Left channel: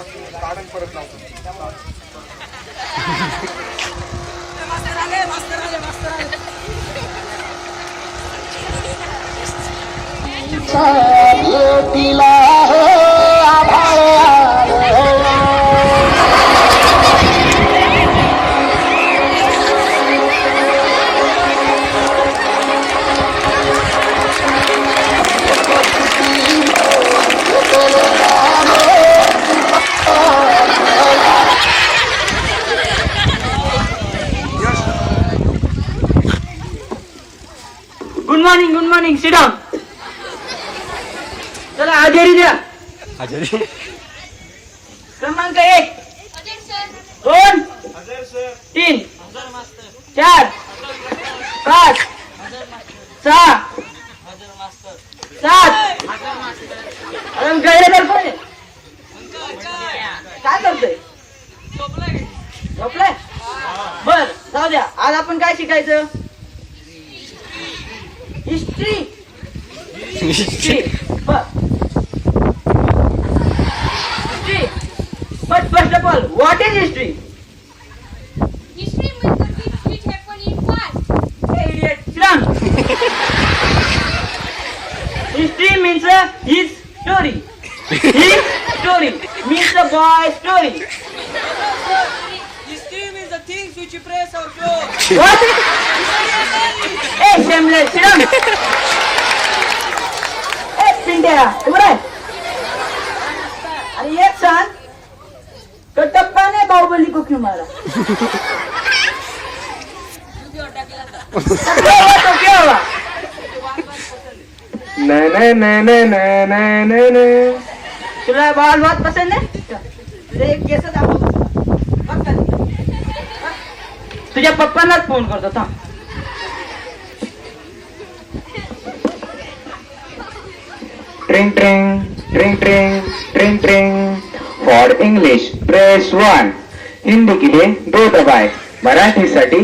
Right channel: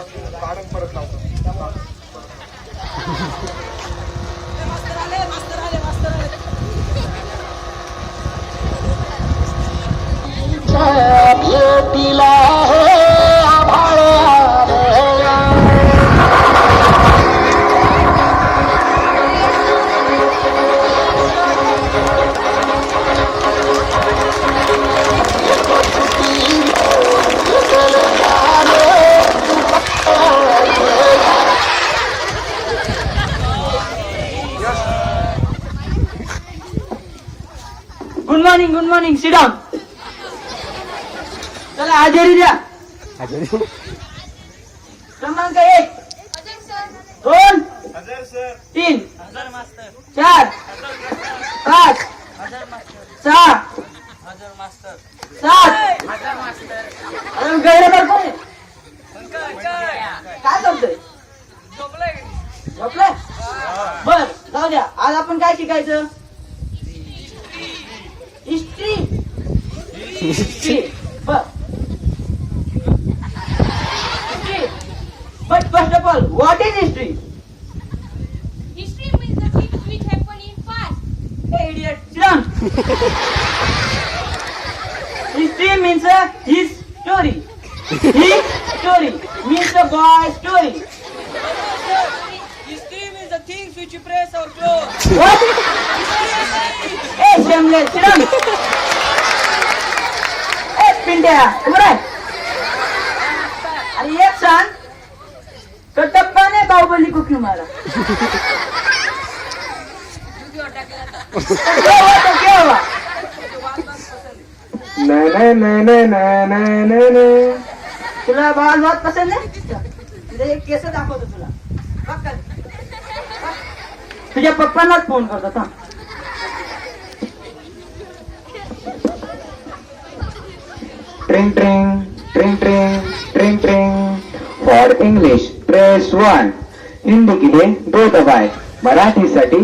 परत लावतो. भेटीला हे आभाळ गुड मॉर्निंग सिट डाऊन. चला हजेरी द्या. क्रमांक 1 2 3 4 5 6 7 गैरहजर कोण आहे? काय करतोय? झोपलाय? बर जाऊ द्या. आज आपण काय शिकायचं? हिस्ट्री. बर history. But first of all, what is history? History means the things which happen in past. Hey idiot, sit down. History means his story. His story means the boy's story. History means the things which you press or close. What? Hey shameless, sit down. Hey Pintya, उभं राह. आणि एक सांग, कटप्पाने बाहुबली को क्यों मारा? क्या हुआ? तुला बाल बहुत पसंद है? तुझे एक केस दाखवतो तुला. बघ खाली. तुझ्या पप्पांनाच फोन करतो थांब. ट्रिंग ट्रिंग ट्रिंग ट्रिंग ट्रिंग ट्रिंग. For English press 1. हिंदी के लिए 2 दबाए. मराठीसाठी